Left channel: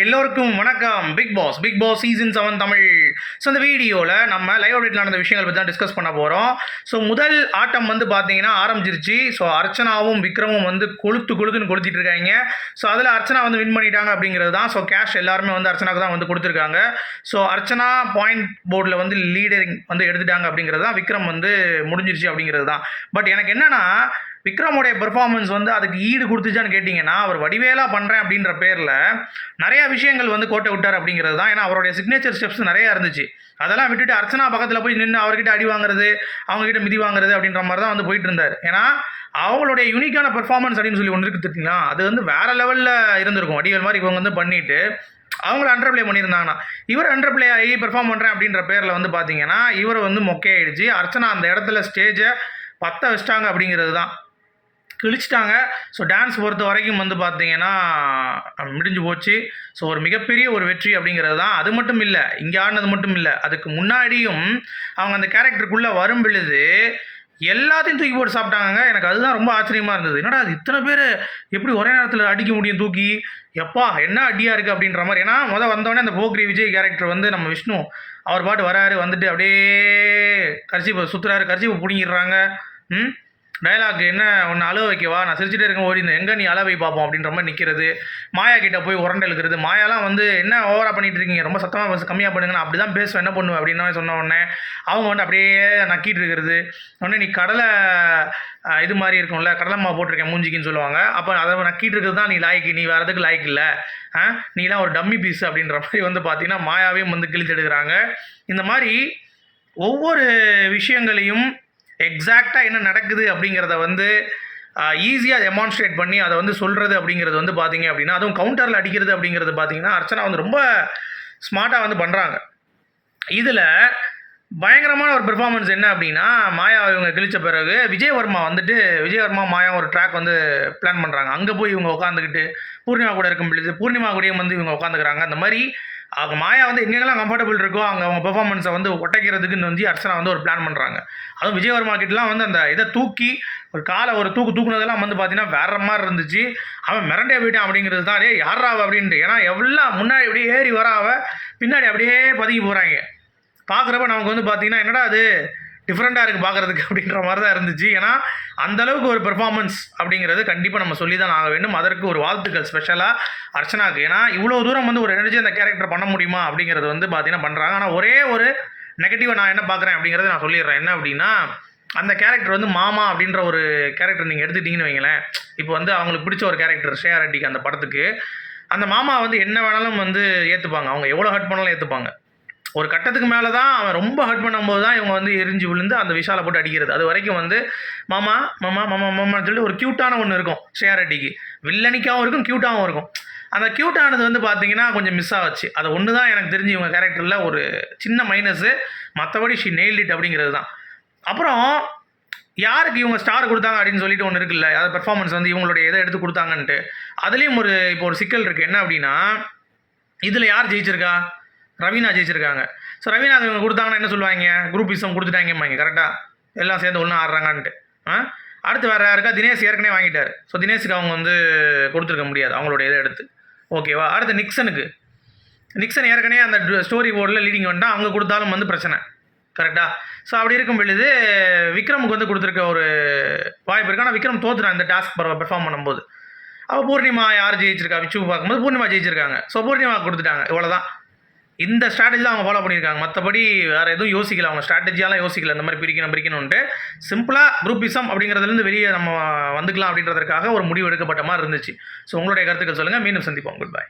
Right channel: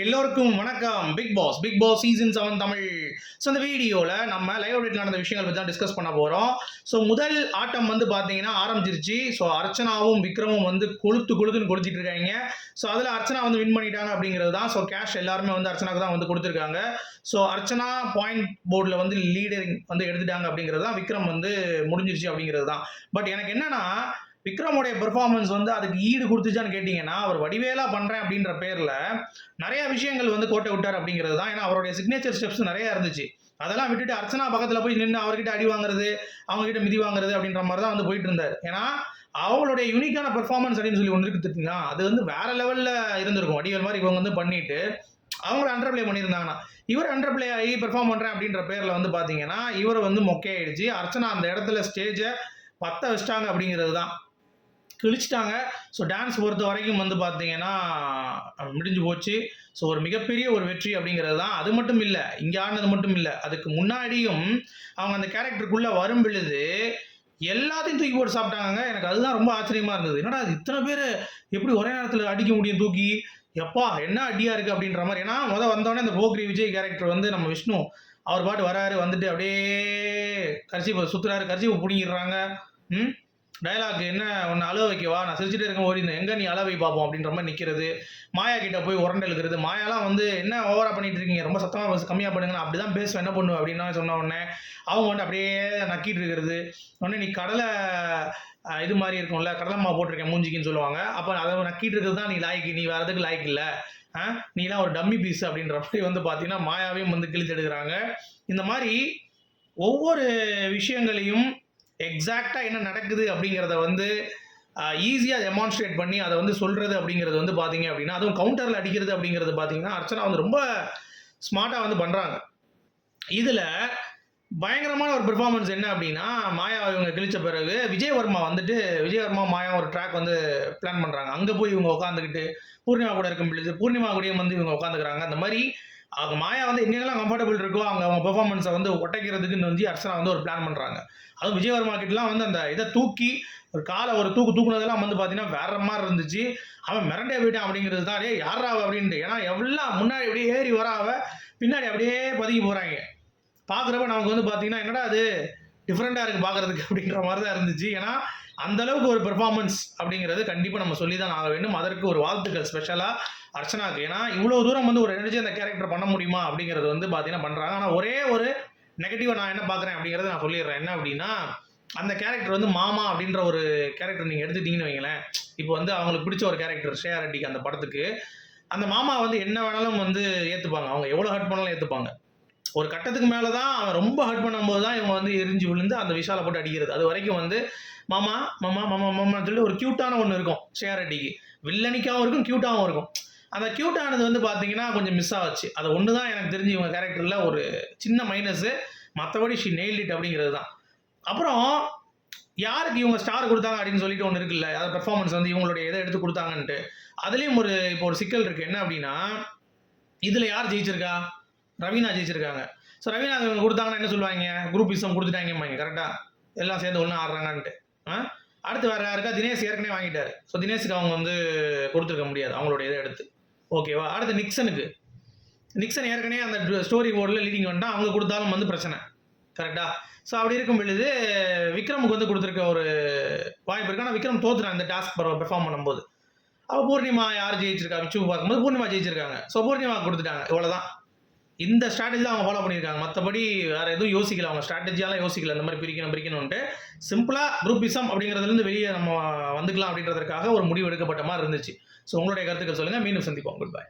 எல்லோருக்கும் வணக்கம். Bigg Boss Bigg Boss season seven Tamil. So இந்த வீடியோவில் நம்ம லைவ் அப்டேட்டில் நடந்த விஷயங்கள் பற்றி தான் டிஸ்கஸ் பண்ண போகிறோம் ஸோ முதல் ஆட்டம் வந்து பார்த்தீங்கன்னா ஆரம்பிச்சிருச்சு. ஸோ அர்ச்சனாவும் விக்ரமும் வந்து கொளுத்து கொளுத்துன்னு கொளுத்திட்டு இருக்காங்க. ஸோ அதில் அர்ச்சனா வந்து வின் பண்ணிட்டாங்க அப்படிங்கிறது தான். ஸோ கேஷ் எல்லாருமே வந்து அர்ச்சனாக்கு தான் வந்து கொடுத்துருக்காங்க. ஸோ அர்ச்சனா பாயிண்ட் போர்டில் வந்து லீடரிங் வந்து எடுத்துட்டாங்க அப்படிங்கிறது தான் விக்ரம் வந்து முடிஞ்சிருச்சு அப்படிங்கிறது தான். பட் எனக்கு என்னென்னா விக்ரமுடைய பெர்ஃபார்மன்ஸ் வந்து அதுக்கு ஈடு கொடுத்துச்சான்னு கேட்டிங்கன்னா அவர் வடிவேலா பண்ணுறேன் அப்படின்ற பேரில் நிறைய விஷயங்கள் வந்து கோட்டை விட்டார் அப்படிங்கிறது தான். ஏன்னா அவருடைய சிக்னேச்சர் ஸ்டெப்ஸ் நிறையா இருந்துச்சு. அதெல்லாம் விட்டுட்டு அர்ச்சனா பக்கத்தில் போய் நின்று அவர்கிட்ட அடி வாங்குறது அவங்ககிட்ட மிதி வாங்குறது அப்படின்ற மாதிரி தான் வந்து போயிட்டு இருந்தார். ஏன்னா அவங்களுடைய யூனிக்கான பெர்ஃபார்மன்ஸ் அப்படின்னு சொல்லி ஒன்று இருக்குது தெரியுங்களா? அது வந்து வேறு லெவலில் இருந்திருக்கும். வடிவேல் மாதிரி இவங்க வந்து பண்ணிவிட்டு அவங்கள அண்டர் பிளே பண்ணியிருந்தாங்கன்னா இவர் அண்டர் பிளே ஆகி பெர்ஃபார்ம் பண்ணுறேன் அப்படின்ற பேரில் வந்து பார்த்தீங்கன்னா இவர் வந்து மொக்கையாயிடுச்சு. அர்ச்சனா அந்த இடத்துல ஸ்டேஜை பற்ற வச்சிட்டாங்க அப்படிங்கிறது தான். கிழிச்சிட்டாங்க. ஸோ டான்ஸ் பொறுத்த வரைக்கும் வந்து பார்த்தீங்கன்னா முடிஞ்சு போச்சு. ஸோ ஒரு மிகப்பெரிய ஒரு வெற்றி அப்படிங்கிறது தான். அது மட்டும் இல்லை இங்கே ஆடினது மட்டும் இல்லை அதுக்கு முன்னாடியும் அவங்க அந்த கேரக்டருக்குள்ளே வரும் பொழுது எல்லாத்தையும் தூக்கி போட்டு சாப்பிட்டாங்க எனக்கு அதுதான் ரொம்ப ஆச்சரியமாக இருந்தது. என்னடா அது இத்தனை பேர் எப்படி ஒரே நேரத்தில் அடிக்க முடியும் தூக்கி? எப்பா என்ன அடியாக இருக்குது அப்படின்ற மாதிரி. ஏன்னா முதல் வந்தோடனே அந்த போக்ரி விஜய் கேரக்டர் வந்து நம்ம விஷ்ணு அவர் பாட்டு வராரு வந்துட்டு அப்படியே கரிசி சுற்றுறாரு கரிசி பிடிங்கிடுறாங்க. ம்? டைலாக் என்ன ஒன்று அழுவ வைக்கவா நான் சிரிச்சுட்டே இருக்கேன் ஓடி எங்கே நீ அளவை பார்ப்போம் அப்படின்ற மாதிரி நிற்கிறது மாயா கிட்ட போய் உரண்டை இழுக்கிறது. மாயாலாம் வந்து என்ன ஓவரா பண்ணிட்டு இருக்கீங்க? ரொம்ப சத்தமாக பேச கம்மியாக பண்ணுங்க நான் அப்படி தான் பேசுவேன். என்ன பண்ணுவேன் அப்படின்னு சொன்ன உடனே அவங்க வந்து அப்படியே நக்கிட்டு இருக்கிறது. உடனே நீ கடலை இது மாதிரி இருக்கும்ல கடலை மாவு போட்டிருக்கேன் மூஞ்சிக்குன்னு சொல்லுவாங்க. அப்போ அதை நக்கிட்டு இருக்கிறது தான் நீ லாய்க்கு. நீ வேறு எதுக்கு லாய்க்கு இல்லை? ஆ நீலாம் ஒரு டம்மி பீஸ் அப்படின்ற மாதிரி வந்து பார்த்தீங்கன்னா மாயாவையும் வந்து கிழித்து எடுக்கிறாங்க. இந்த மாதிரி ஒவ்வொரு விஷயங்களையும் எக்ஸாக்டாக என்ன நடக்குது அப்படிங்கிறத வந்து ஈஸியாக டெமான்ஸ்ட்ரேட் பண்ணி அதை வந்து சொல்கிறது அப்படிங்கிறது வந்து பார்த்தீங்க அப்படின்னா அதுவும் கவுண்டரில் அடிக்கிறது அப்படிங்கிறது பார்த்தீங்கன்னா அர்ச்சனா வந்து ரொம்ப ஸ்மார்ட்டாக வந்து பண்ணுறாங்க இதில் பயங்கரமான ஒரு பெர்ஃபார்மன்ஸ் என்ன அப்படின்னா மாயா இவங்க கிழிச்ச பிறகு விஜயவர்மா வந்துட்டு விஜயவர்மா மாயா ஒரு ட்ராக் வந்து பிளான் பண்ணுறாங்க அங்கே போய் இவங்க உட்காந்துக்கிட்டு பூர்ணிமா கூட இருக்கும் பொழுது பூர்ணிமா கூடயும் வந்து இவங்க உட்காந்துக்கிறாங்க அந்த மாதிரி அவங்க மாயா வந்து எங்கெங்கெல்லாம் கம்ஃபர்டபுள் இருக்கோ அவங்க அவங்க பெர்ஃபார்மன்ஸை வந்து ஒட்டைக்கிறதுக்குன்னு வந்து அர்ச்சனா வந்து ஒரு பிளான் பண்ணுறாங்க அதுவும் விஜயவர்மா கிட்டலாம் வந்து அந்த இதை தூக்கி ஒரு காலை ஒரு தூக்கு தூக்குனதெல்லாம் வந்து பார்த்தீங்கன்னா வேற மாதிரி இருந்துச்சு. அவன் மிரண்டே போயிட்டான் அப்படிங்கிறது தான் டேய் யாராவ அப்படின்ட்டு. ஏன்னா எவ்வளோ முன்னாடி அப்படியே ஏறி வராவ பின்னாடி அப்படியே பதுக்கி போகிறாங்க பார்க்குறப்ப நமக்கு வந்து பார்த்தீங்கன்னா என்னடா அது டிஃப்ரெண்ட்டாக இருக்குது பார்க்குறதுக்கு அப்படின்ற மாதிரி தான் இருந்துச்சு. ஏன்னா அந்த அளவுக்கு ஒரு பெர்ஃபார்மன்ஸ் அப்படிங்கிறது கண்டிப்பாக நம்ம சொல்லி தான் ஆக வேண்டும். அதற்கு ஒரு வாழ்த்துக்கள் ஸ்பெஷலாக அர்ச்சனாக்கு. ஏன்னா இவ்வளோ தூரம் வந்து ஒரு எனர்ஜி அந்த கேரக்டர் பண்ண முடியுமா அப்படிங்கிறது வந்து பார்த்தீங்கன்னா பண்ணுறாங்க ஆனால் ஒரே ஒரு நெகட்டிவாக நான் என்ன பார்க்குறேன் அப்படிங்கிறத நான் சொல்லிடுறேன். என்ன அப்படின்னா அந்த கேரக்டர் வந்து மாமா அப்படின்ற ஒரு கேரக்டர் நீங்கள் எடுத்துட்டீங்கன்னு வைங்களேன். இப்போ வந்து அவங்களுக்கு பிடிச்ச ஒரு கேரக்டர் ஷேயா ரெட்டிக்கு அந்த படத்துக்கு. அந்த மாமா வந்து என்ன வேணாலும் வந்து ஏற்றுப்பாங்க அவங்க எவ்வளோ ஹர்ட் பண்ணாலும் ஏற்றுப்பாங்க ஒரு கட்டத்துக்கு மேலே தான் அவன் ரொம்ப ஹர்ட் பண்ணும்போது தான் இவங்க வந்து எரிஞ்சு விழுந்து அந்த விஷாலை போட்டு அடிக்கிறது. அது வரைக்கும் வந்து மாமா மாமா மாமா மாமான்னு சொல்லி ஒரு க்யூட்டான ஒன்று இருக்கும் ஷேர் ரெட்டிக்கு. வில்லனிக்காகவும் இருக்கும் க்யூட்டாகவும் இருக்கும். அந்த க்யூட்டானது வந்து பார்த்தீங்கன்னா கொஞ்சம் மிஸ் ஆச்சு. அது ஒன்று தான் எனக்கு தெரிஞ்சு இவங்க கேரக்டரில் ஒரு சின்ன மைனஸு மற்றபடி ஷி நெயில்டிட் இட் அப்படிங்கிறது தான். அப்புறம் யாருக்கு இவங்க ஸ்டார் கொடுத்தாங்க? அப்படின்னு சொல்லிட்டு ஒன்று இருக்குல்ல அதாவது பெர்ஃபார்மன்ஸ் வந்து இவங்களுடைய இதை எடுத்து கொடுத்தாங்கன்ட்டு. அதுலேயும் ஒரு இப்போ ஒரு சிக்கல் இருக்குது என்ன அப்படின்னா இதில் யார் ஜெயிச்சிருக்கா? ரவீனா ஜெயிச்சிருக்காங்க. ஸோ ரவீனா கொடுத்தாங்கன்னா என்ன சொல்லுவாங்க? குரூப் இசம் கொடுத்துட்டாங்கம்பாங்க கரெக்டாக எல்லாம் சேர்ந்து ஒன்றா ஆடுறாங்கன்ட்டு. ஆ? அடுத்து வேறு யாருக்கா? தினேஷ் ஏற்கனவே வாங்கிட்டார். ஸோ தினேஷுக்கு அவங்க வந்து கொடுத்துருக்க முடியாது அவங்களோட இதை எடுத்து. ஓகேவா அடுத்து நிக்சனுக்கு. நிக்சன் ஏற்கனவே அந்த ஸ்டோரி போர்டில் லீடிங் வந்துட்டால் அவங்க கொடுத்தாலும் வந்து பிரச்சனை. கரெக்டாக ஸோ அப்படி இருக்கும் பொழுது விக்ரமுக்கு வந்து கொடுத்துருக்க ஒரு வாய்ப்பு இருக்குது ஆனால் விக்ரம் தோத்துறான் இந்த டாஸ்க் பெர்ஃபார்ம் பண்ணும்போது. அப்போ பூர்ணிமா யார் ஜெயிச்சிருக்கா? விச்சு பார்க்கும்போது பூர்ணிமா ஜெயிச்சிருக்காங்க. ஸோ பூர்ணிமா கொடுத்துட்டாங்க. இவ்வளோதான் இந்த ஸ்ட்ராட்டஜி தான் அவங்க ஃபாலோ பண்ணியிருக்காங்க. மற்றபடி வேறு எதுவும் யோசிக்கல. அவங்க ஸ்ட்ராட்டஜியாலாம் யோசிக்கல. இந்த மாதிரி பிரிக்கணும் பிரிக்கணும்ட்டு சிம்பிளாக குரூப்பிசம் அப்படிங்கிறதுலேருந்து வெளியே நம்ம வந்துக்கலாம் அப்படின்றதுக்காக ஒரு முடிவு எடுக்கப்பட்ட மாதிரி இருந்துச்சு. ஸோ உங்களுடைய கருத்துக்கள் சொல்லுங்கள் மீண்டும் சந்திப்போம். Good bye